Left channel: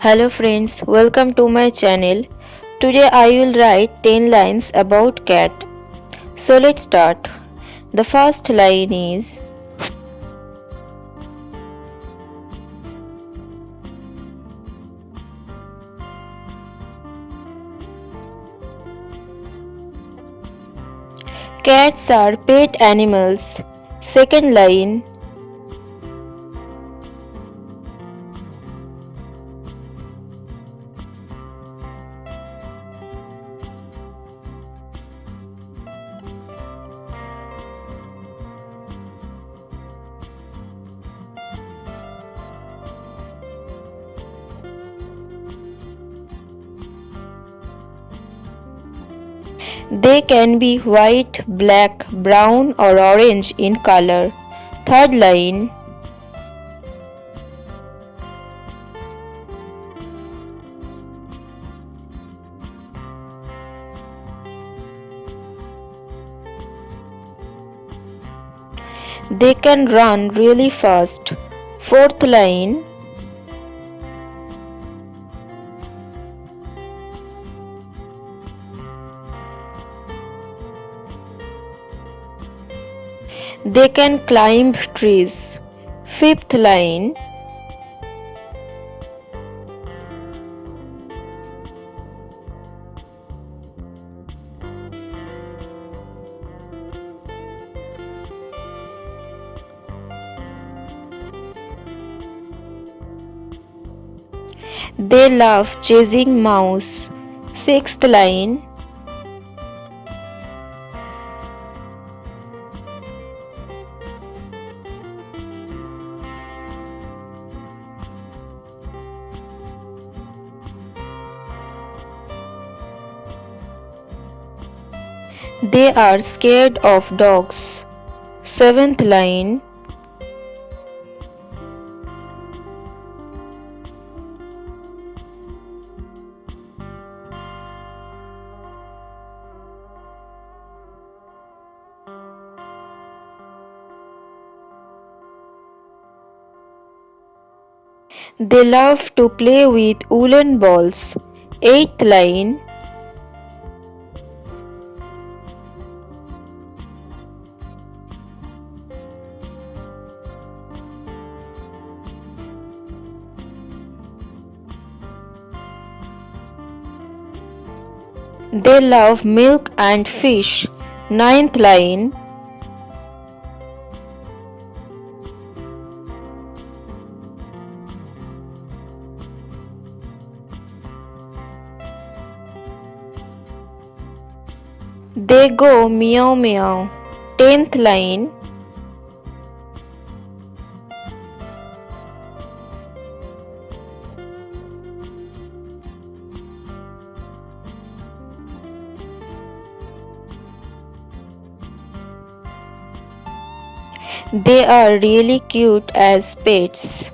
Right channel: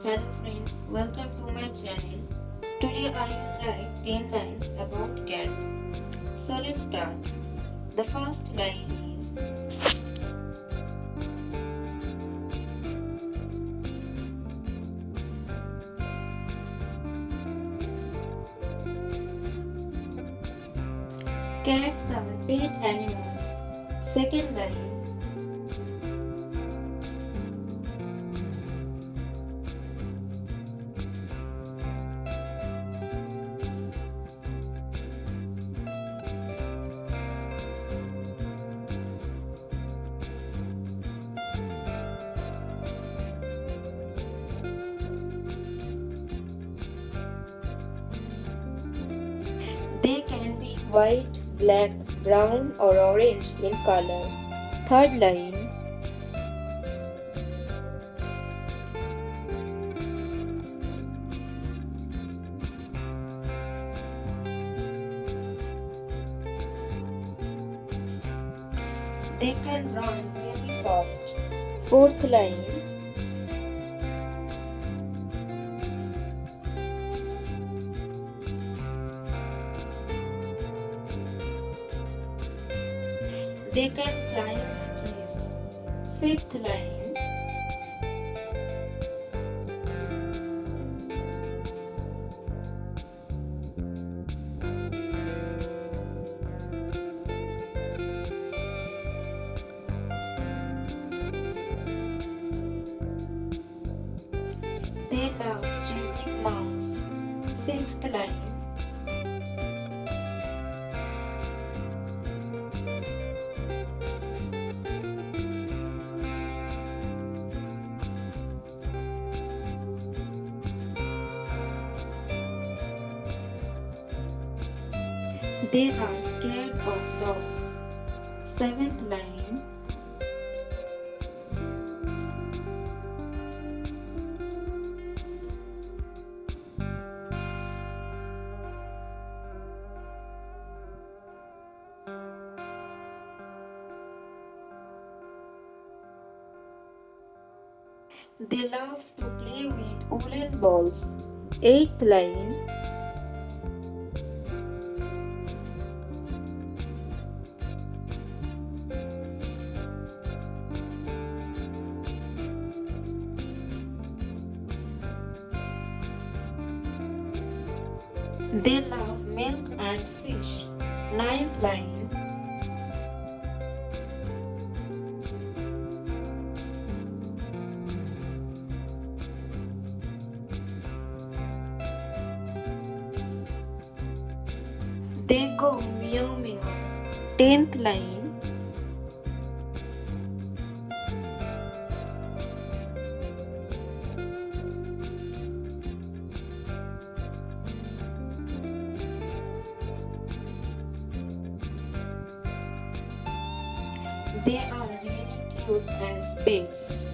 Hello friends, welcome to my channel. Today I will write 10 lines about cat. So let's start. The first line is cats are pet animals. Second line they can be white, black, brown or orange in color. Third line they can run really fast. Fourth line they can climb trees. Fifth line they love chasing mouse. Sixth line they are scared of dogs. Seventh line they love to play with woolen balls. Eighth line they love milk and fish. Ninth line they go meow meow. Tenth line they are really cute as pets.